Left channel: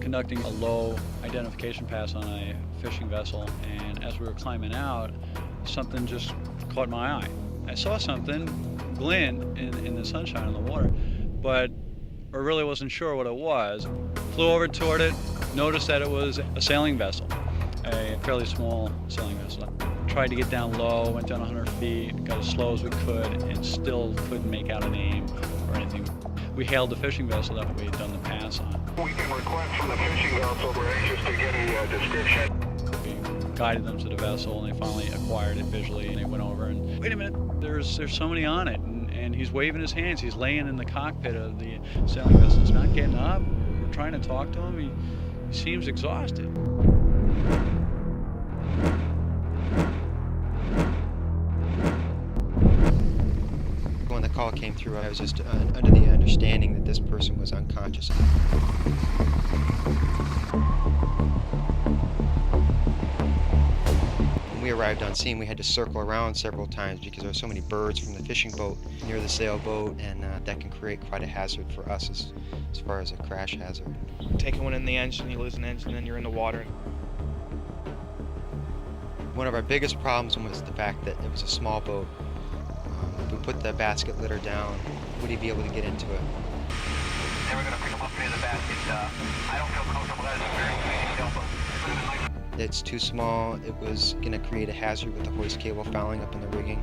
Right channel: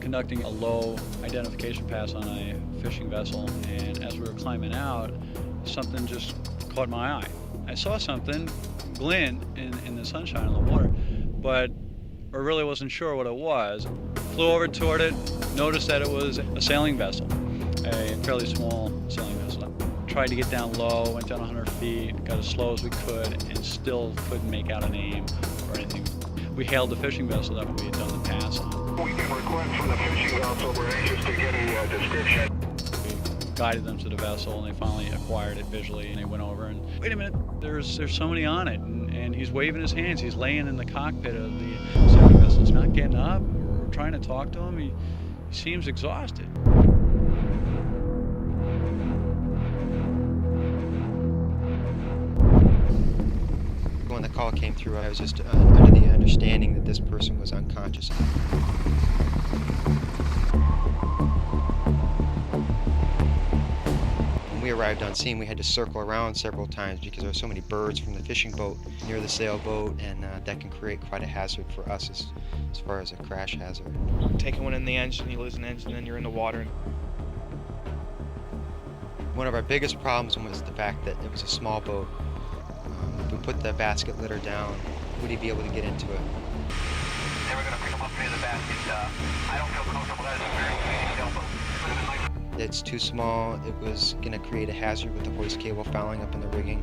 Conducting a low identification pass on a fishing vessel, and as we were climbing out, something just caught my eye. I saw something glint in the sunshine on the water, but I really wasn't sure what it was. Flew over toward it, noticed that it was a sailing vessel, a fairly small sailing vessel. Tried to get down low, went down 100 feet, got as slow as we could, and still couldn't make out a name or anything. We hailed the fishing vessel that we had done the pass on. We can request from the fishing vessel, we're anxious to get a description. We guided them to the vessel, and they finally acquired it visually, and they went over and, wait a minute, there's somebody on it, and he's waving his hands. He's laying in the cockpit of the sailing vessel. He's not getting up. We're trying to talk to him. He seems exhausted. When the call came through, I was just under the understanding that this person was unconscious. When we arrived on scene, we had to circle around several times because there were so many birds from the fishing boat near the sailboat, and that can create quite a hazard for us as far as a crash hazard. Taking one in the engine, you lose an engine, and you're in the water. One of our biggest problems was the fact that it was a small boat. If we put the basket litter down, would he be able to get into it? They were going to pick him up near the basket. I don't feel comfortable. That is a very big sailboat. It's too small. It was going to create a hazard with the hoist cable fouling up in the rigging.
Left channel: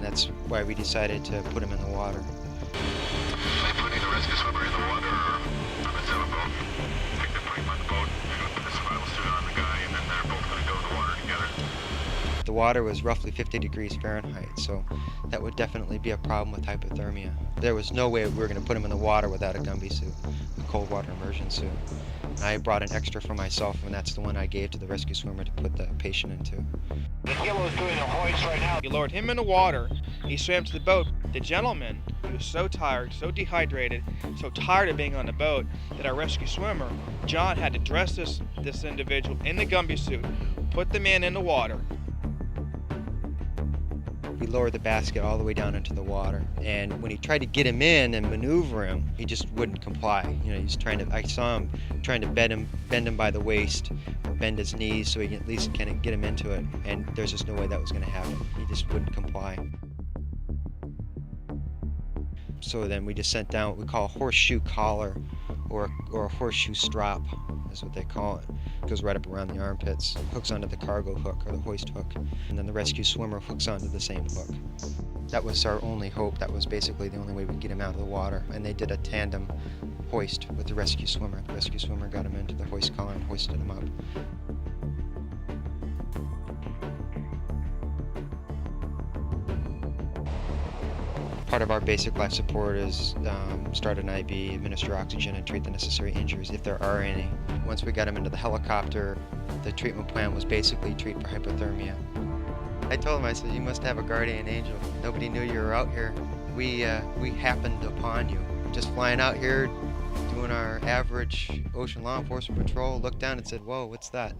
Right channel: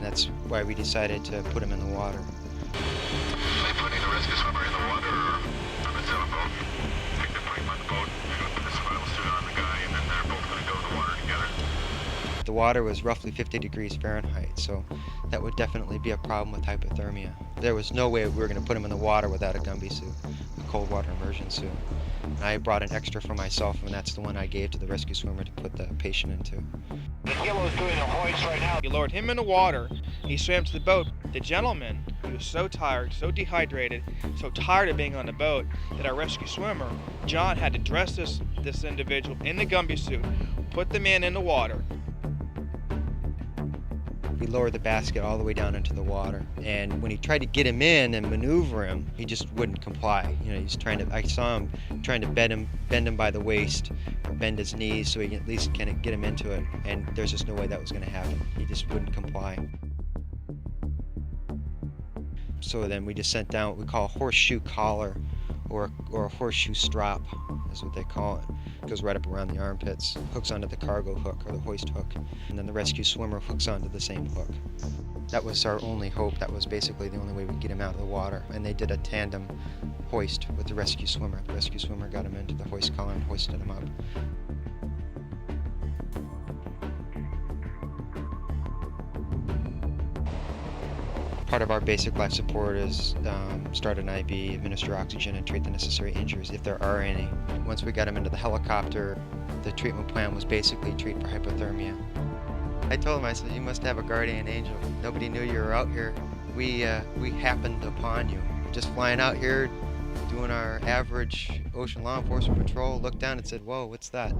That's why we decided to put him in the water. Are they putting the rescue swimmer in the water or on the sailboat? I think they're putting him on the boat. They're going to put the survival suit on the guy, and then they're both going to go in the water together. The water was roughly 50 degrees Fahrenheit, so that would definitely be a problem with hypothermia. There was no way we were going to put him in the water without a Gumby suit, a cold water immersion suit. I brought an extra for myself, and that's the one I gave to the rescue swimmer to put the patient into. The Kilo is doing a hoist right now. You lowered him in the water. He swam to the boat. The gentleman, he was so tired, so dehydrated, so tired of being on the boat that our rescue swimmer, John, had to dress this individual in the Gumby suit, put the man in the water. We lowered the basket all the way down into the water, and when he tried to get him in and maneuver him, he just wouldn't comply. You know, he's trying to. I saw him trying to bend him by the waist, or bend his knees so he can at least get him into it. And there's just no way that was going to happen. He just wouldn't comply. So then we just sent down what we call a horseshoe collar, or a horseshoe strap, is what they call it. It goes right up around the armpits, hooks onto the cargo hook or the hoist hook, and then the rescue swimmer hooks onto the same hook. That was our only hope. That was basically the only way we could get him out of the water. And they did a tandem hoist with the rescue swimmer. The rescue swimmer got him into the hoist collar and hoisted him up. Part of our basic life support is start an IV, administer oxygen, and treat the necessary injuries if there are any. Once we got him into the helicopter, the treatment plan was basically treat for hypothermia. I told him, I said, you must have a guardian angel. Nobody knew you were out here. We happened upon you. Just flying out here, doing our average ocean law enforcement patrol, looked down and said, whoa, what's that?